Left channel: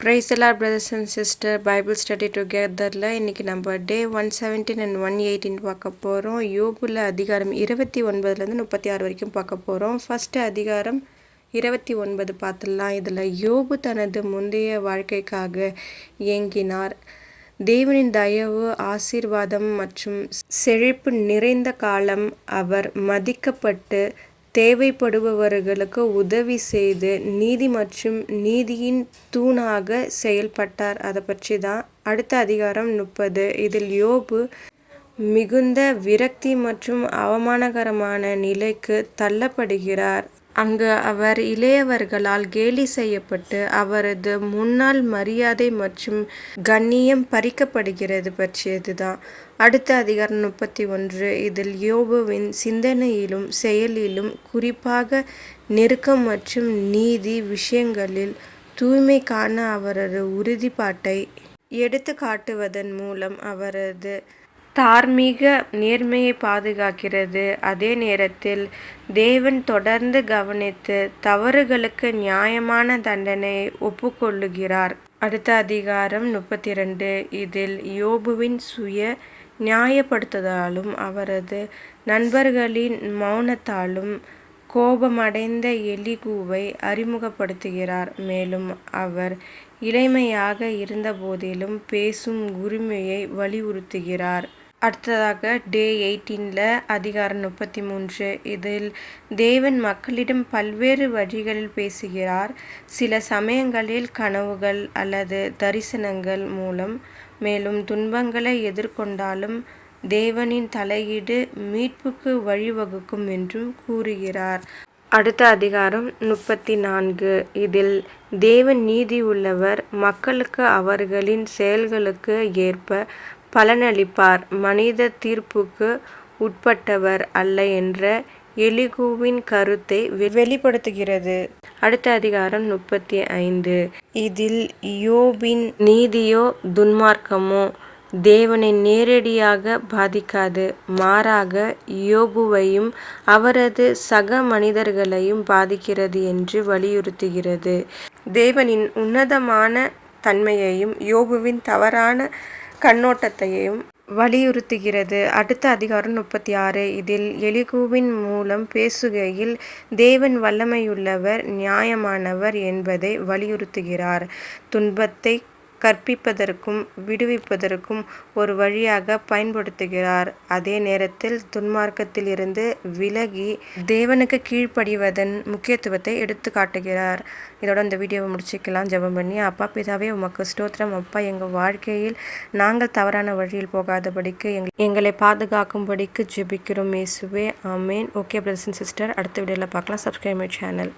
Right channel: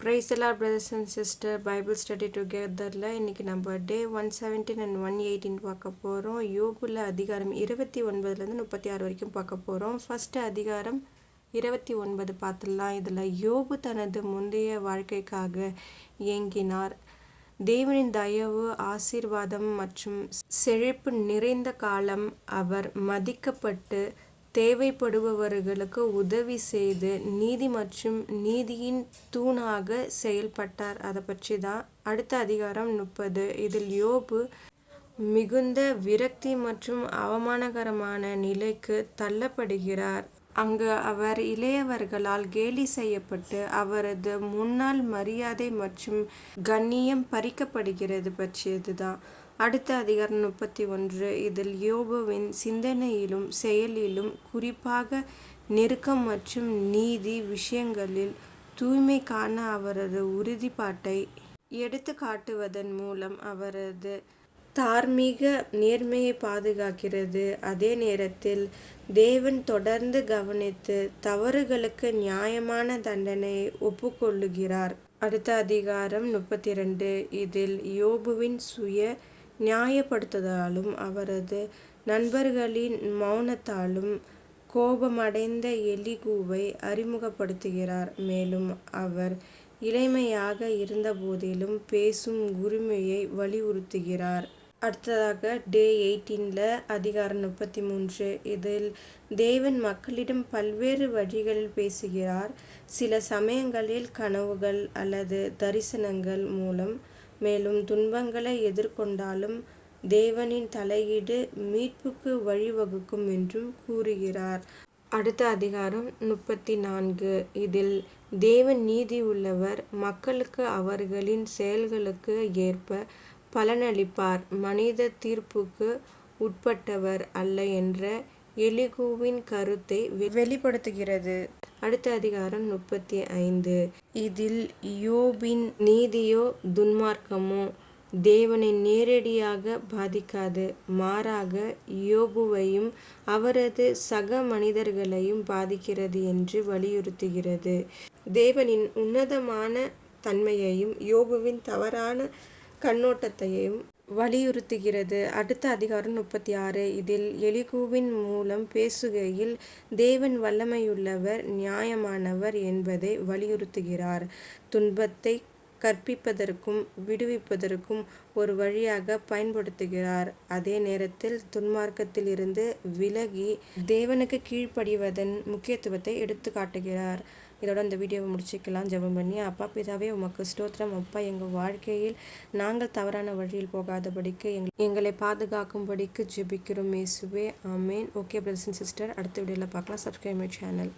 Praise the Lord, brothers and sisters. Bible study togetherல இன்னைக்கு நம்ம டே 117 and 118 பார்க்க போகிறோம். யோபுல அதிகாரம் 29லேருந்து 36 வரைக்கும் பார்க்க போகிறோம். ஃபர்ஸ்ட் அதிகாரம் 29 பார்த்துடலாம். இதில் யோபு தனது முந்தைய வாழ்க்கைக்காக ஏங்கினார். தேவனின் தயவு, ஆசீர்வாதம் மற்றும் செழிப்பு நிறைந்த காலம். அவர் மதிக்கப்பட்டு தேவைப்படுபவர்களுக்கு உதவி செய்து நீதி மற்றும் நீதியின் தூணாக செயல்பட்டார். அதை பற்றி தான் அடுத்த அதிகாரம் 30. இதில் யோபு மிகுந்த விரக்தி மற்றும் அவமானகரமான நிலைக்கு தள்ளப்படுகிறார். அங்கு அவர் இளையவர்களால் கேலி செய்யப்பட்டு அவரது முன்னாள் மரியாதை மற்றும் கண்ணியம் பறிக்கப்படுகிறது பற்றியது தான் அடுத்த அதிகாரம் 31. இதில் யோபுவின் சிந்தனையிலும் செயலிலும் குறிப்பாக நெருக்கம் மற்றும் நீதி விஷயங்களில் தூய்மைக்கான அவரது உறுதிப்பாட்டை எடுத்து காட்டுவதன் மூலம் அவரது தார்மீக நேர்மையை பாதுகாக்கிறது. அதே நேரத்தில் தேவன் தொடர்ந்து கவனித்து தவறுகளுக்கு நியாயமான தண்டனையை ஒப்புக்கொள்ளுகிறார். அடுத்த அதிகாரம் 32. இதில் யோபுவின் சுய நியாயப்படுத்துதலாலும் அவரது நண்பர்களின் மௌனத்தாலும் கோபமடைந்த எலிகூவை அறிமுகப்படுத்துகிறார். மேலும் அவர் இளமையாக இருந்தபோதிலும் பேசும் உரிமையை வலியுறுத்துகிறார். அடுத்ததாக டே 18 அதிகாரம் 33. இதில் தேவன் மக்களிடம் பல்வேறு வழிகளில் பேசுகிறார். சில சமயங்களில் கனவுகள் அல்லது தரிசனங்கள் மூலம். மேலும் துன்பங்களை எதிர்கொண்டாலும் தேவனின் தலையீடு மீட்புக்கு வழிவகுக்கும் என்றும் கூறுகிறார். அடுத்த அதிகாரம் 34. இதில் தேவன் நீதி உள்ளவர், மக்களுக்கு அவர்களின் செயல்களுக்கு ஏற்ப பலனளிப்பார், மனித தீர்ப்புக்கு உட்பட்டவர் அல்ல என்ற எலிகூவின் கருத்தை வெளிப்படுத்துகிறது. அடுத்த அதிகாரம் 35. இதில் யோபின் நீதியோ துன்மார்க்கமோ தேவனை நேரடியாக பாதிக்காது, மாறாக யோபுவையும் அவரது சக மனிதர்களையும் பாதிக்கிறது என்று வலியுறுத்துகிறது. தேவனின் உன்னதமான தன்மையையும் யோபுவின் தவறான கண்ணோட்டத்தையும் வலியுறுத்துகிறது. அடுத்த அதிகாரம் 36. இதில் எலிகூவின் மூலம் பேசுகையில் தேவன் வல்லமையுள்ளவர், நியாயமானவர் என்பதை வலியுறுத்துகிறார். துன்பத்தை கற்பிப்பதற்கும் விடுவிப்பதற்கும் ஒரு வழியாக பயன்படுத்துகிறார். அதே நேரத்தில் துன்மார்க்கத்தில் இருந்து விலகி தேவனுக்கு கீழ்ப்படிவதன் முக்கியத்துவத்தை எடுத்து காட்டுகிறார். இதோட இந்த வீடியோவை முடிச்சுக்கலாம் ஜெபம் பண்ணி. அப்பா பிதாவே, உமக்கு ஸ்தோத்திரம். அப்பா, எங்கள் வாழ்க்கையில் நாங்கள் தவறான வழியில் போகாதபடிக்கு எங்களை பாதுகாக்கும்படிக்கு ஜெபிக்கிறோம் இயேசுவே. ஆமேன். ஓகே பிரதர்ஸ் அண்ட் சிஸ்டர், அடுத்த வீடியோவில் பார்க்கலாம். Subscribe my channel.